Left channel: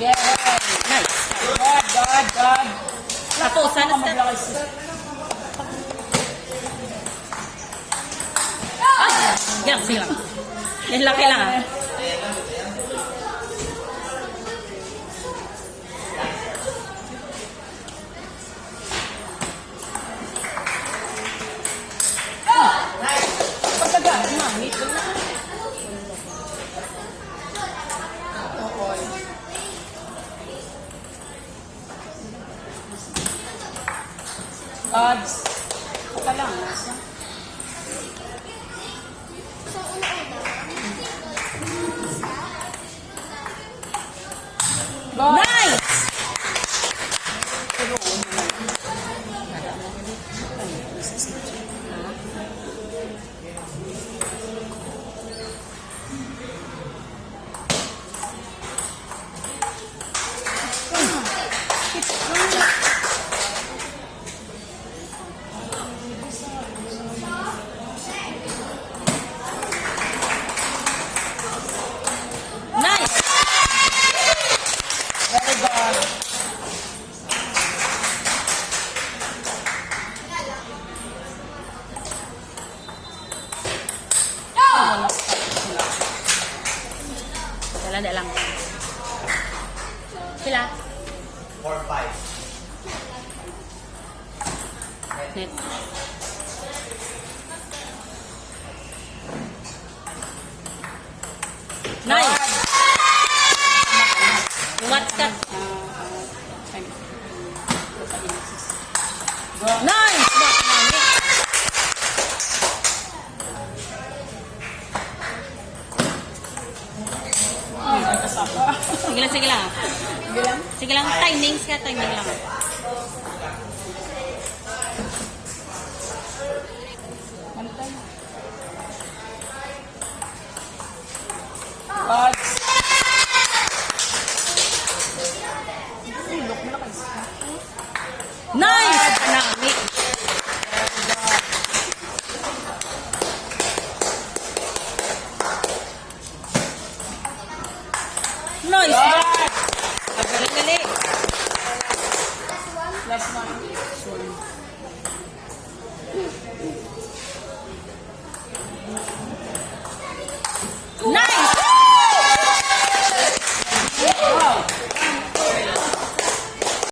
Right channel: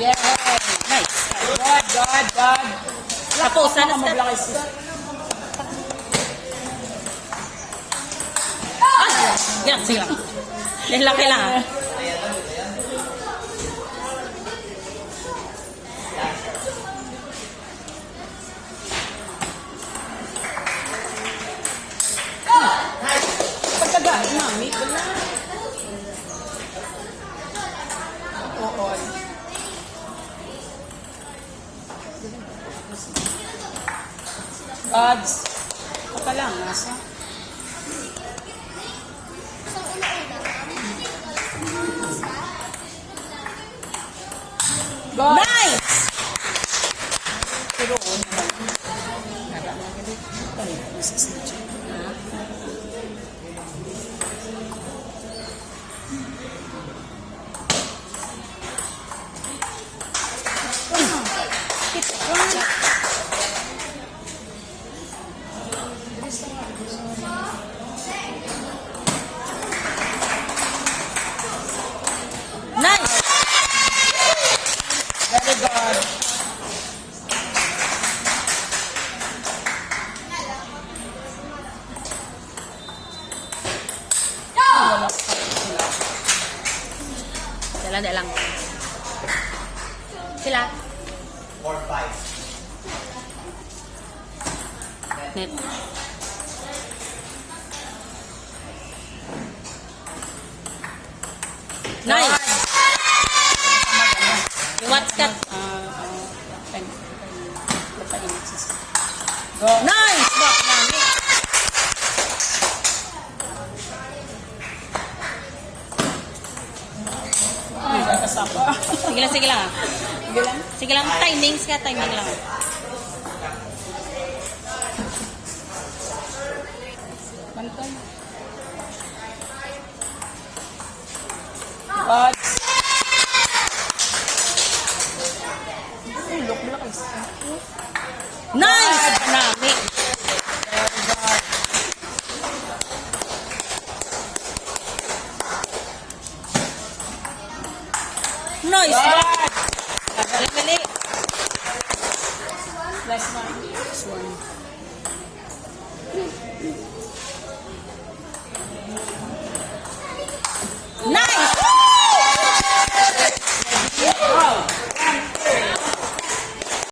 Yeah. Nice. God. Tapos, sana sa... Yan, sige lang. Yan lang kailangan. Gods. Baka lang, nasa. Nice! Nice! Very good. Dala lang. Sila. 4-5. Net. Nice! What's that? Nice! Sige lang. Sige lang, timing lang. Gods. Nice! Panami. Nice! Dali. Last one.